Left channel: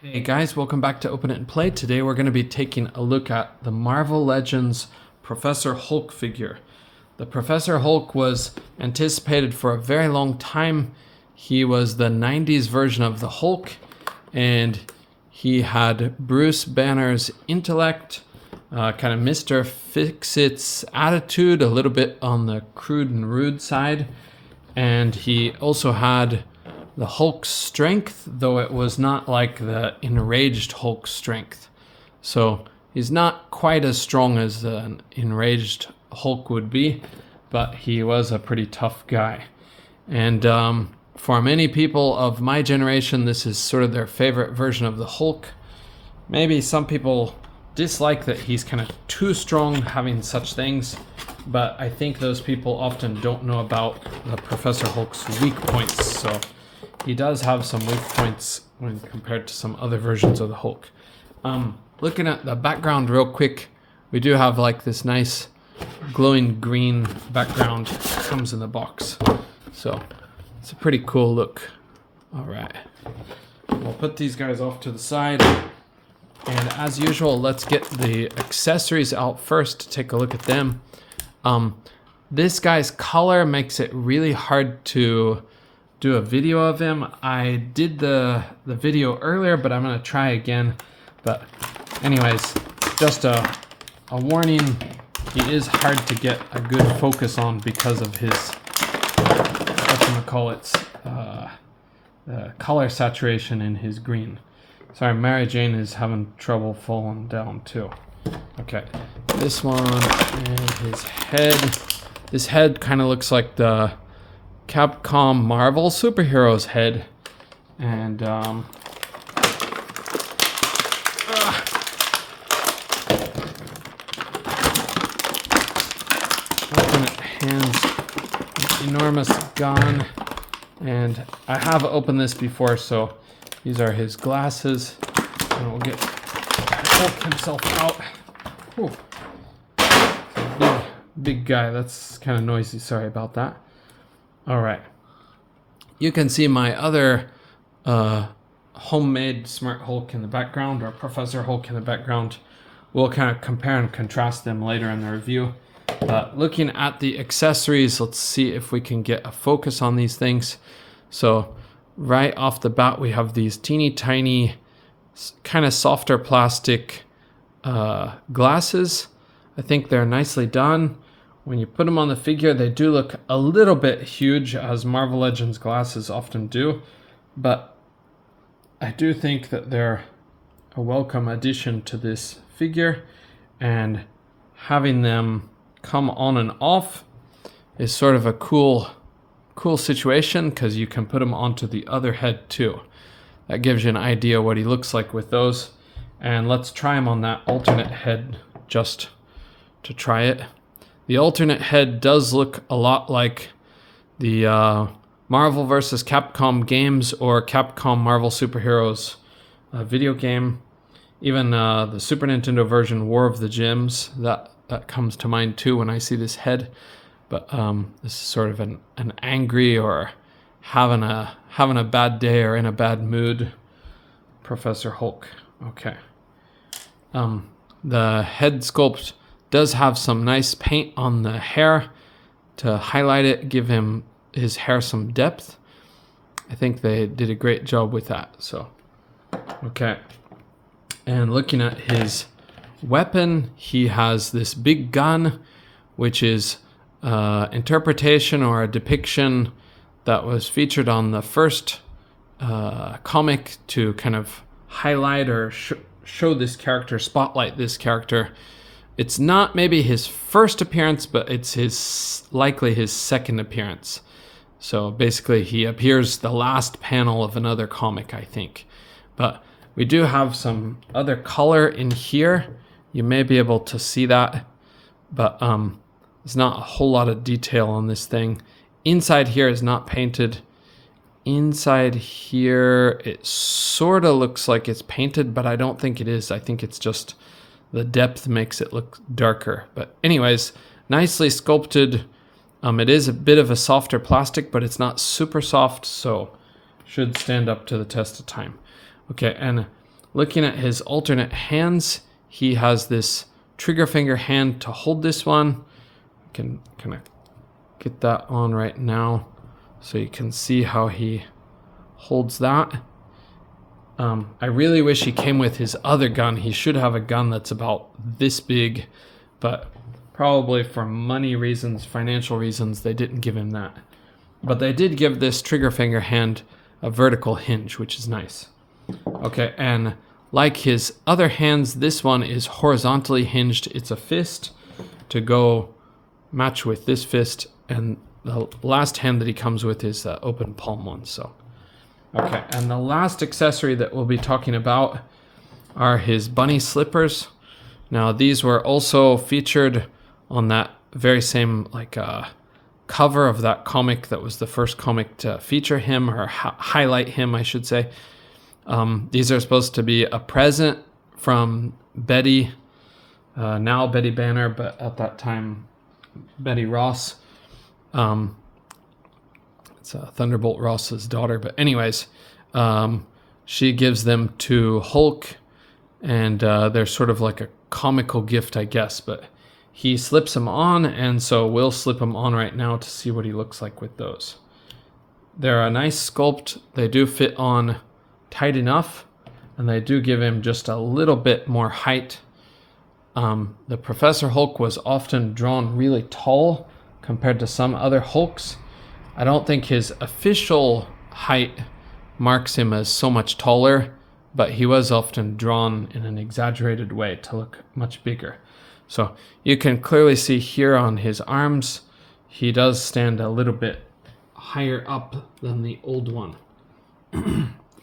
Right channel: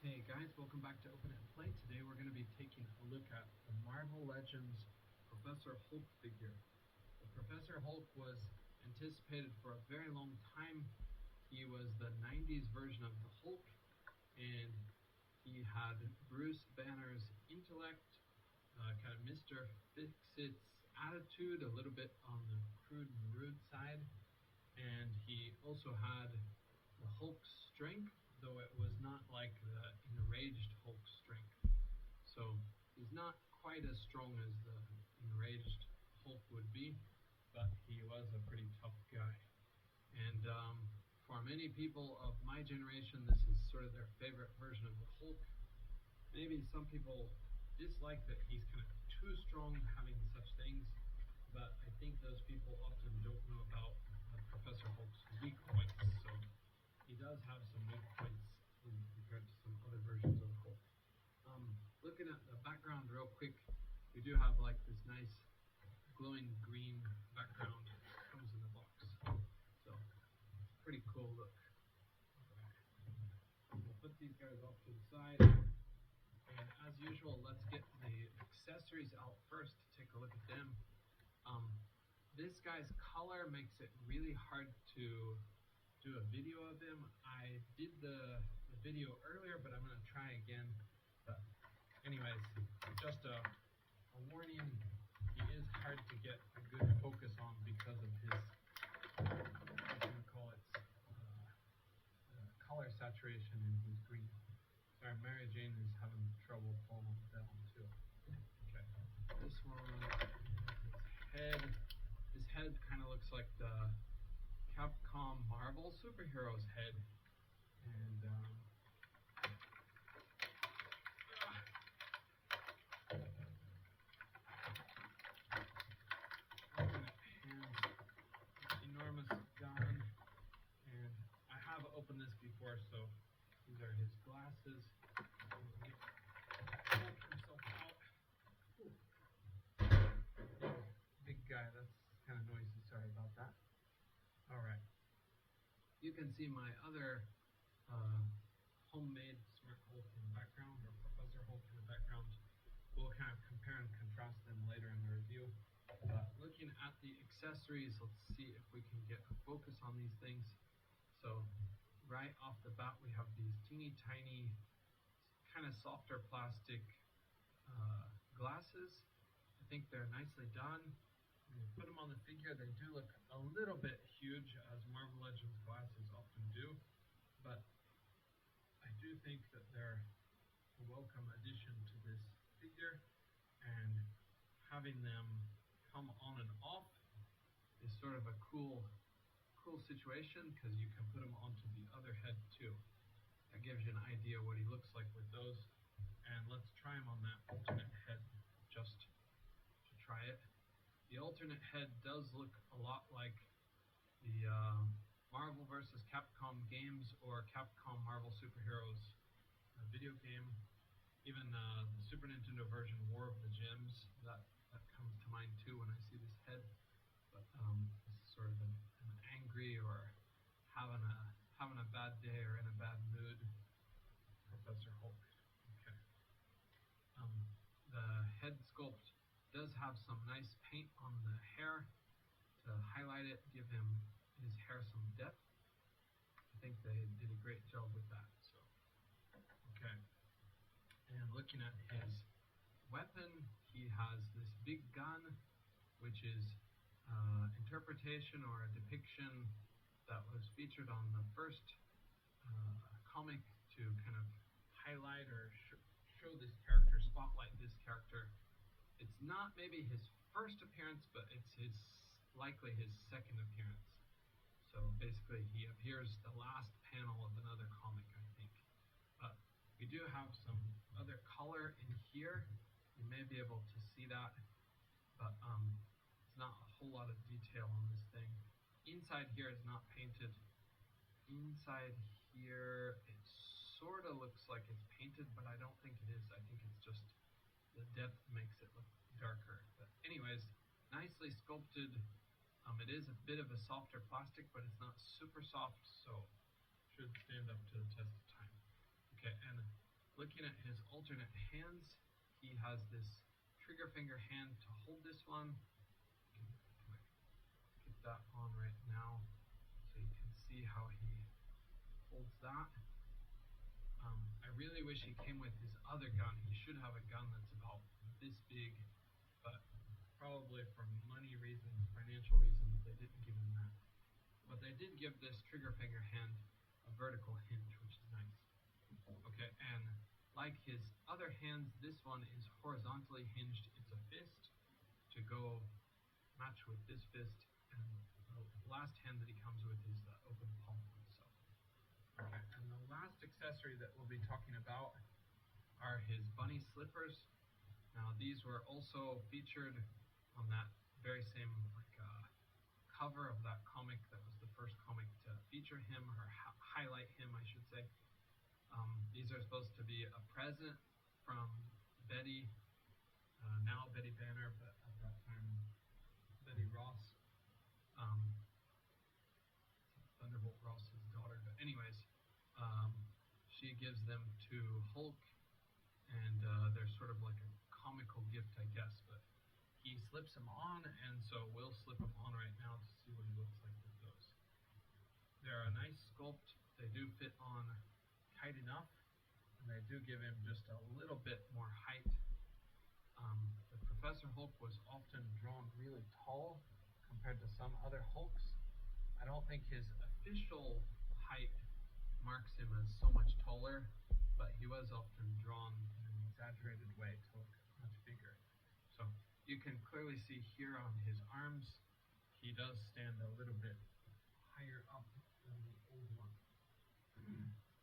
Hey guys, welcome back to Open It and Play. Today we're going to be taking a look at the Marvel Legends Professor Hulk figure. The Professor Hulk was anticipated for a very long time. He was the 90s version of the Hulk, and he had Bruce Banner's intellect, kind of Mr. Fix-It's attitude, a little bit on the crude and rude side, and he also had the Hulk's strength, though it was not like the enraged Hulk's strength. So he's not quite as strong as an enraged Hulk would be, but he was a pretty tough guy. And for many people of my generation, this is sort of their favorite version of the Hulk. Maybe some people dislike that he's kind of too strong having such things, but I think those people often don't know about the Professor Hulk's weak points. So he does have some weak points when compared to some other versions of the Hulk. Looking at the background real quick, we do have like this nice glowing green background that comes in the box. So it's a pretty cool look. All right, we'll put these guys off to the side. And as usual, let's get the accessories out first to take a look at them. This guy's color makes it really hard to do a video of him. I did the video earlier, but I'm gonna try again. But anyways, just a warning, he is hard to get a good focus on because of his, whatchamacallits, color saturation in his green. Sorry, Mary Jane is having trouble falling down too. Okay, this one and his head. This head kind of looks like the Capcom Marvel superhero's head, and ultimate hands, an enormous gun, and I have opened this before, so these are his glasses, and we'll get Hulk himself out. Whew. Big guy. That's kind of noisy. Sorry about that. All right, you can see my other homemade Smart Hulk in the background, or Professor Hulk in the background. We'll kind of compare and contrast them later in the review. Looking at the accessories, let's see if we can get a focus on these things. So right off the bat, we have these teeny tiny, kind of softer plastic glasses. I think they're nicely done. When you put them on the figure, they do look a little bit huge, as Marvel Legends glasses often do, but I do think that they're a welcome addition to this figure, and having them come on and off is sort of a cool situation, because you can put them onto the other head too. That gives you an idea what he looks like with those. And let's try him on that alternate head just to try it. The alternate head does look a lot like the Marvel vs. Capcom games, or Capcom Marvel Superheroes video game. Even the Super Nintendo version, War of the Gems, that comes to mind too when I see this head. But this is sort of an angry, or having a bad day, or in a bad mood Professor Hulk. Okay. The head sculpt does have some nice paint on the hair to highlight it, give his hair some depth. I think they did a great job with that. So, okay. And looking at his weapon, he has this big gun, which is interpretation or a depiction that was featured on the first comic to kind of highlight or show this character, spotlight this character. It's not maybe his first appearance, but it's likely his second appearance. So basically he appears the last panel of another comic, I think. But we do have some other color in here. You may be able to see that, but there's not a whole lot of detail on this thing. Inside here is not painted. Inside here, it sort of looks like it's painted, but I don't think it is. I think it's just the depth makes it look darker. But anyways, nicely sculpted. It is a bit of a softer plastic, but it's not super soft, so should stand up to the test of time. Okay, and looking at his alternate hands, he has this trigger finger hand to hold this one. I can kind of get that on right now so you can see how he holds that. I really wish he came with his other gun. He should have a gun that's about this big, but probably for money reasons, financial reasons, they didn't give him that. But they did give this trigger finger hand a vertical hinge, which is nice. Okay, and like his other hands, this one is horizontally hinged. It's a fist to go match with this fist, and the last hand that he comes with is the open palm one. So, okay, and the last accessory that we'll be talking about are his bunny slippers. Now, these were also featured on that very same cover of that comic that was the first comic to feature him, or highlight him, I should say. These are supposed to be a present from Betty, now Betty Banner, but at that time, Betty Ross. It's Thunderbolt Ross's daughter. But anyways, she gives them to Hulk, and they're sort of like a comical gift, I guess. But he slips them on, and so we'll slip them on right now to see what he looks like with those. They're a nice sculpt. They do fit on tight enough, and they do give him just a little bit more height. The Professor Hulk was often drawn really tall compared to some other Hulks. I don't think his official height marks him as so much taller, but he was often drawn in an exaggerated way to look much bigger. So you can clearly see here on his arms, he does stand a little bit higher up than the old one.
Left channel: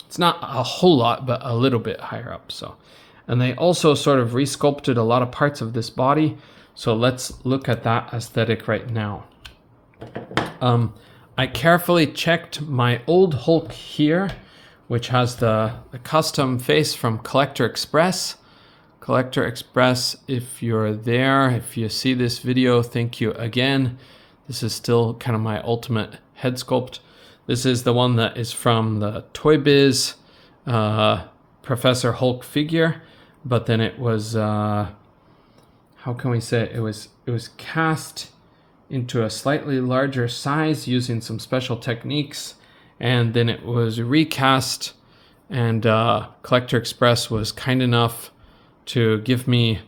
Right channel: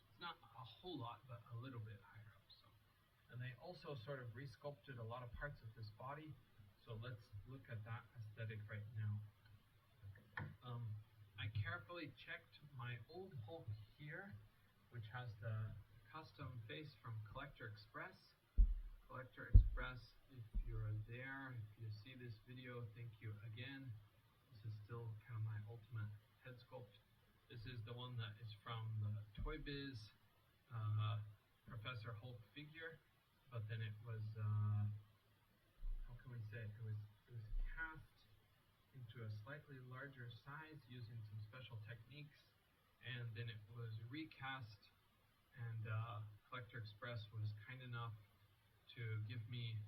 It's not a whole lot, but a little bit higher up. So, and they also sort of resculpted a lot of parts of this body. So let's look at that aesthetic right now. I carefully checked my old Hulk here, which has the custom face from Collector Express. Collector Express, if you're there, if you see this video, thank you again. This is still kind of my ultimate head sculpt. This is the one that is from the Toy Biz Professor Hulk figure, but then it was, how can we say it? It was cast into a slightly larger size using some special techniques, and then it was recast, and Collector Express was kind enough to give me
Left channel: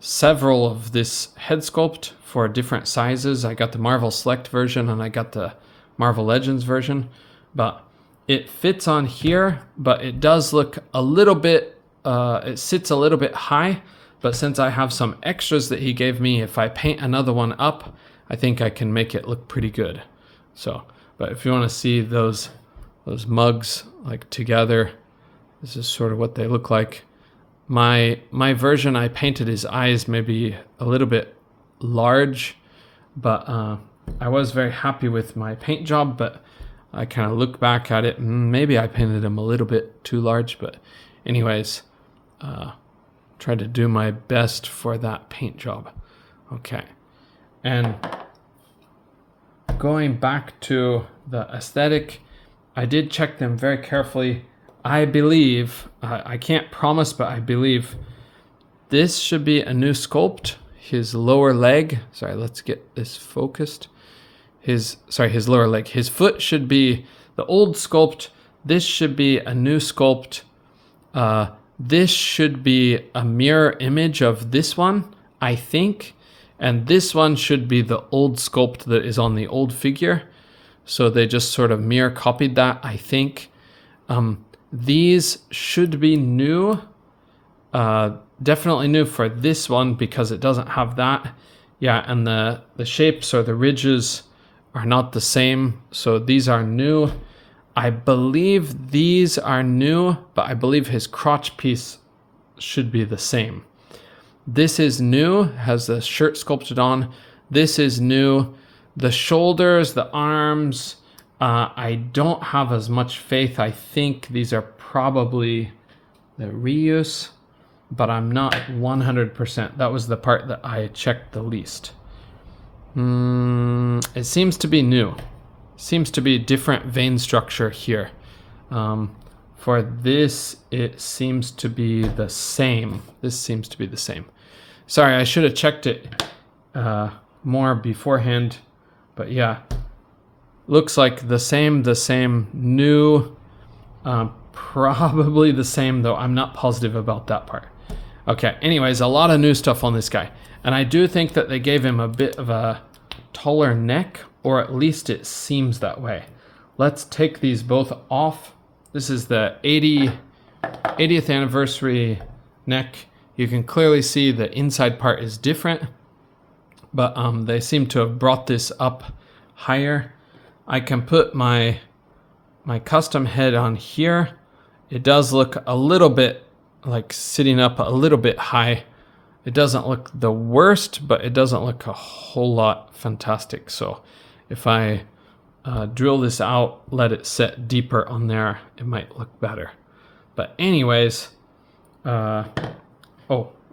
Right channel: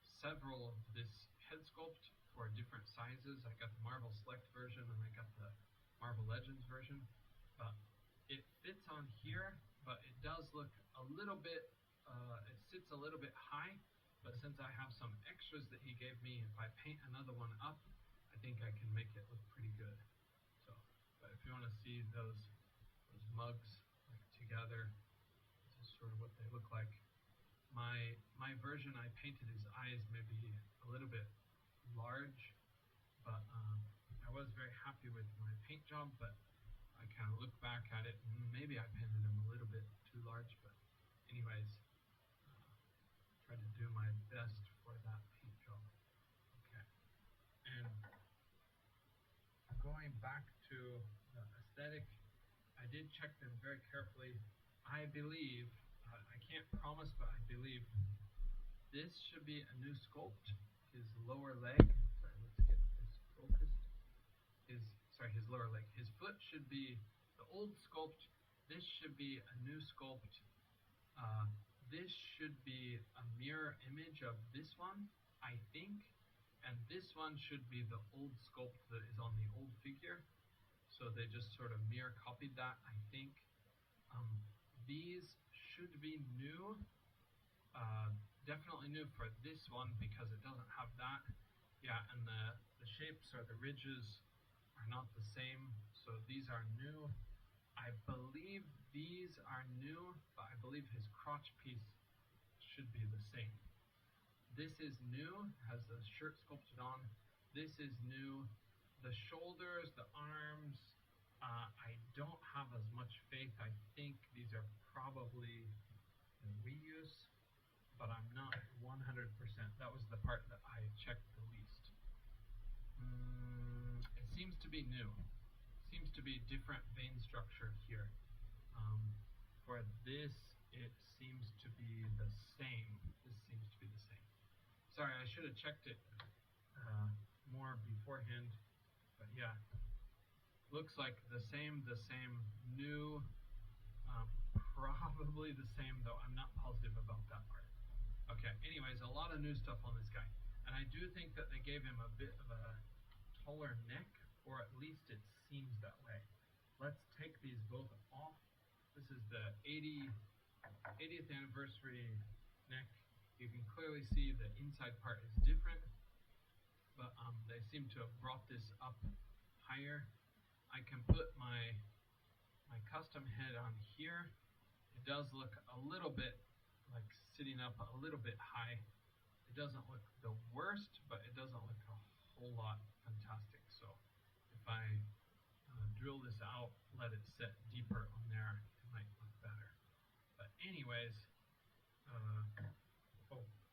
several of this head sculpt for different sizes. I got the Marvel Select version and I got the Marvel Legends version, but it fits on here, but it does look a little bit, it sits a little bit high, but since I have some extras that he gave me, if I paint another one up, I think I can make it look pretty good. So, but if you want to see those mugs like together, this is sort of what they look like. My version, I painted his eyes maybe a little bit large, but I was very happy with my paint job, but I kind of look back at it and maybe I painted him a little bit too large, but anyways, tried to do my best for that paint job. Okay, and going back to the aesthetic, I did check them very carefully. I believe, I can't promise, but I believe this should be a new sculpt. His lower leg, sorry, let's get this focused. His lower leg. His foot should be the old sculpt. This should be a new sculpt. This should be a mirror image of this one, I think. And this one should be the old sculpt that is on the old figure. So they just sort of mirror copied that, I think. These should be new, definitely new for this one because it doesn't have that. Yeah, and the shapes or the ridges are not the same, so these are new. I believe these are new, but I believe his crotch piece should be the same. This is new, has the shirt sculpted on. This is new. The shoulders, the arms, I don't have as much faith. I think these are probably the reuse, but I'm not 100%. That was the part that I checked the least. It seems to be new. Seems to be different vein structure here. For this, it seems to be the same. This seems to be the same. Sorry, I should have checked it more beforehand. But yeah, looks like the same, new, probably the same, though I'm not positive about that part. Okay, anyways, a lot of new stuff on this guy. And I do think that they gave him a bit of a taller neck, or at least it seems that way. Let's take these both off. This is the 80th anniversary neck. You can clearly see the inside part is different, but they seem to have brought this up higher. I can put my custom head on here. It does look a little bit like sitting up a little bit high. It doesn't look the worst, but it doesn't look a whole lot fantastic. So if I drill this out, let it set deeper on there, it might look better. But anyways, oh,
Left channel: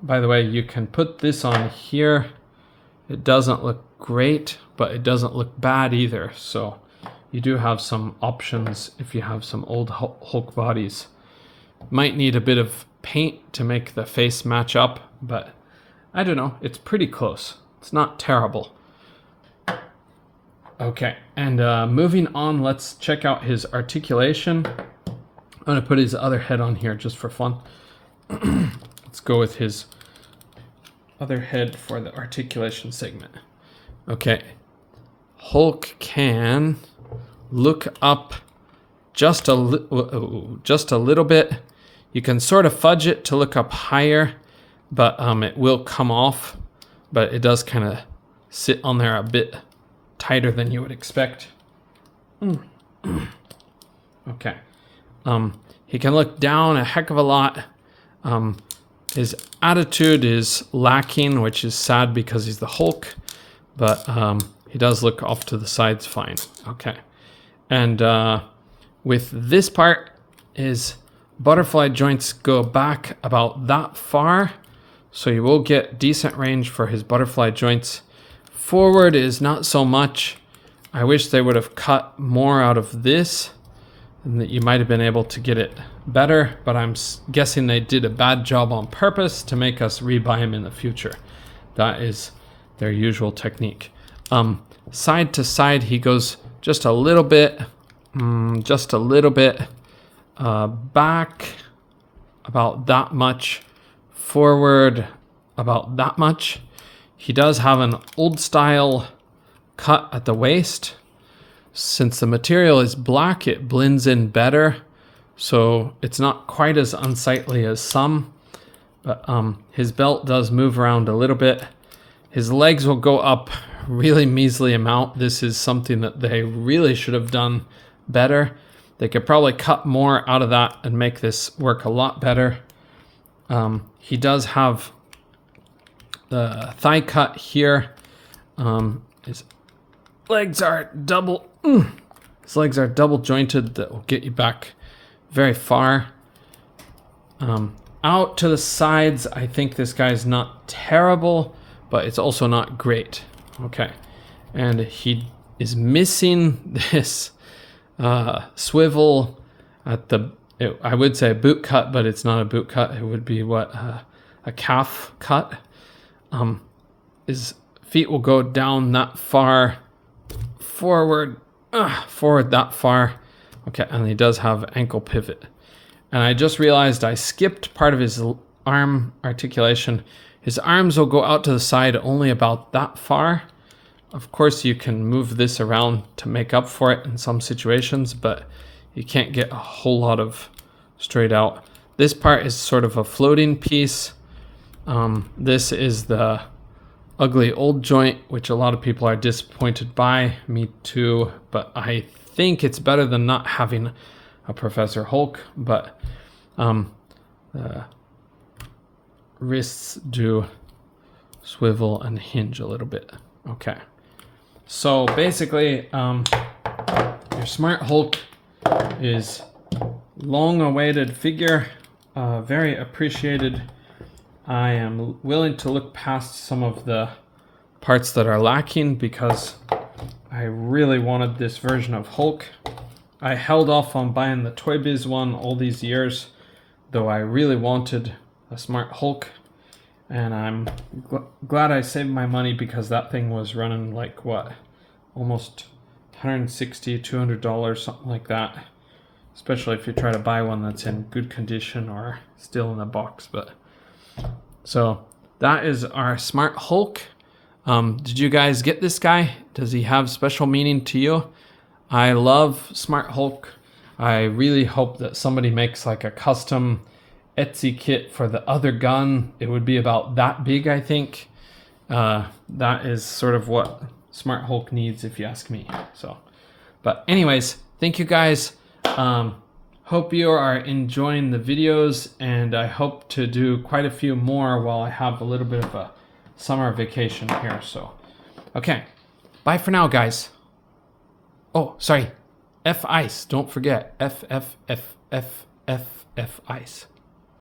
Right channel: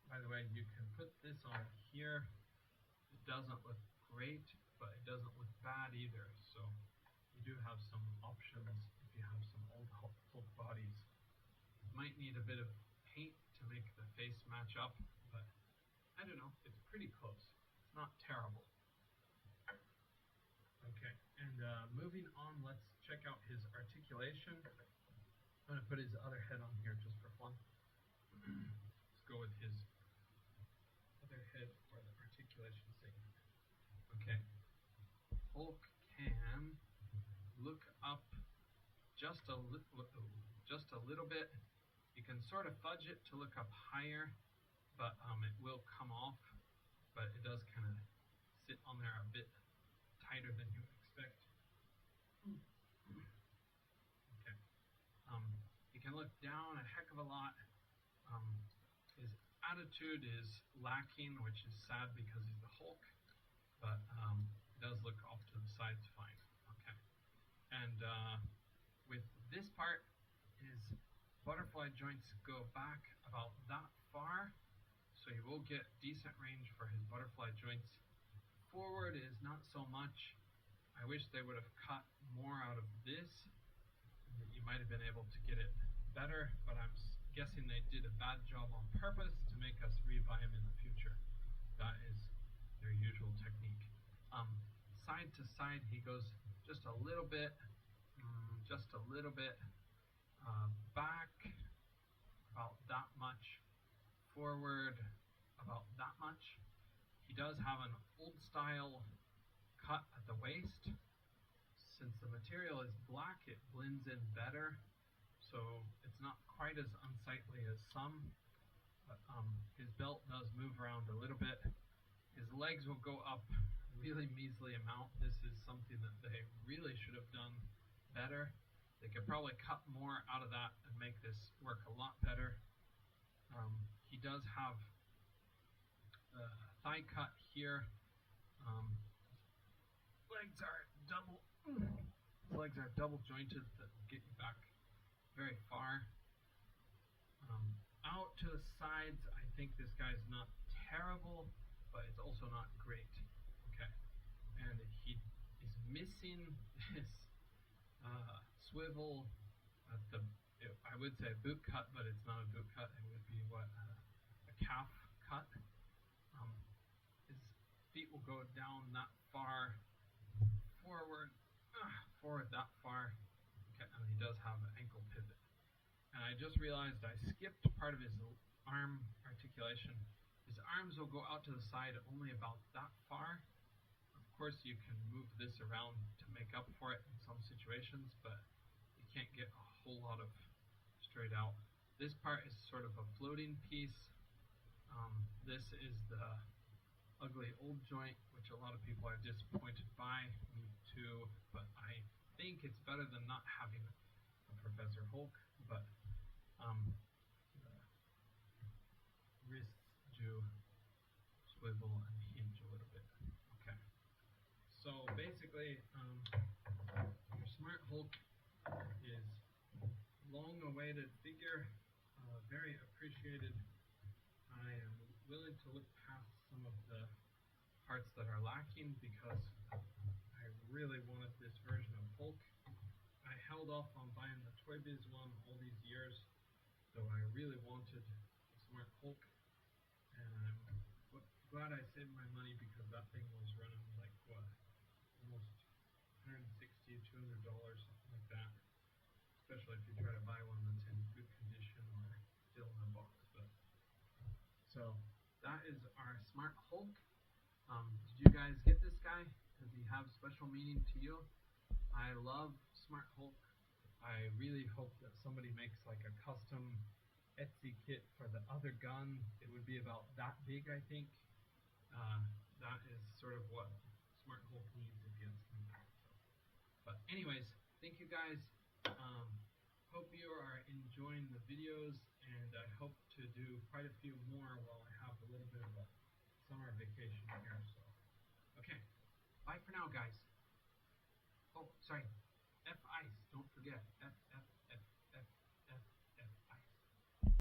by the way, you can put this on here. It doesn't look great, but it doesn't look bad either. So you do have some options if you have some old Hulk bodies. Might need a bit of paint to make the face match up, but I don't know, it's pretty close. It's not terrible. Okay, and moving on, let's check out his articulation. I'm gonna put his other head on here just for fun. Let's go with his other head for the articulation segment. Okay, Hulk can look up just a little bit. You can sort of fudge it to look up higher, but it will come off, but it does kind of sit on there a bit tighter than you would expect. Okay. He can look down a heck of a lot. His attitude is lacking, which is sad because he's the Hulk, but he does look off to the sides fine. Okay. And with this part, his butterfly joints go back about that far, so you will get decent range for his butterfly joints. Forward is not so much. I wish they would have cut more out of this and that you might have been able to get it better, but I'm guessing they did a bad job on purpose to make us rebuy them in the future. That is their usual technique. Side to side, he goes just a little bit, back about that much, forward about that much. He does have an old style cut at the waist. Since the material is black, it blends in better, so it's not quite as unsightly as some, but his belt does move around a little bit. His legs will go up really measly amount. This is something that they really should have done better. They could probably cut more out of that and make this work a lot better. He does have the thigh cut here. His legs are double jointed. That will get you back very far. Out to the sides, I think this guy's not terrible, but it's also not great. Okay, and he is missing this swivel at the, I would say a boot cut, but it's not a boot cut. It would be what, a calf cut. His feet will go down that far, forward that far. Okay, and he does have ankle pivot. And I just realized I skipped part of his arm articulation. His arms will go out to the side only about that far. Of course, you can move this around to make up for it in some situations, but you can't get a whole lot of straight out. This part is sort of a floating piece. This is the ugly old joint, which a lot of people are disappointed by. Me too, but I think it's better than not having a Professor Hulk, but the wrists do swivel and hinge a little bit. Okay, so basically your Smart Hulk is long-awaited figure, very appreciated. I am willing to look past some of the parts that are lacking because I really wanted this version of Hulk. I held off on buying the Toy Biz one all these years, though I really wanted a Smart Hulk, and I'm glad I saved my money because that thing was running like what, almost $160, $200, something like that. Especially if you try to buy one that's in good condition or still in the box. But so that is our Smart Hulk. Did you guys get this guy? Does he have special meaning to you? I love Smart Hulk. I really hope that somebody makes like a custom Etsy kit for the other gun. It would be about that big, I think. That is sort of what Smart Hulk needs, if you ask me. So, but anyways, thank you guys. Hope you are enjoying the videos, and I hope to do quite a few more while I have a little bit of a summer vacation here. So, okay, bye for now, guys. Oh, sorry, F ice. Don't forget F ice.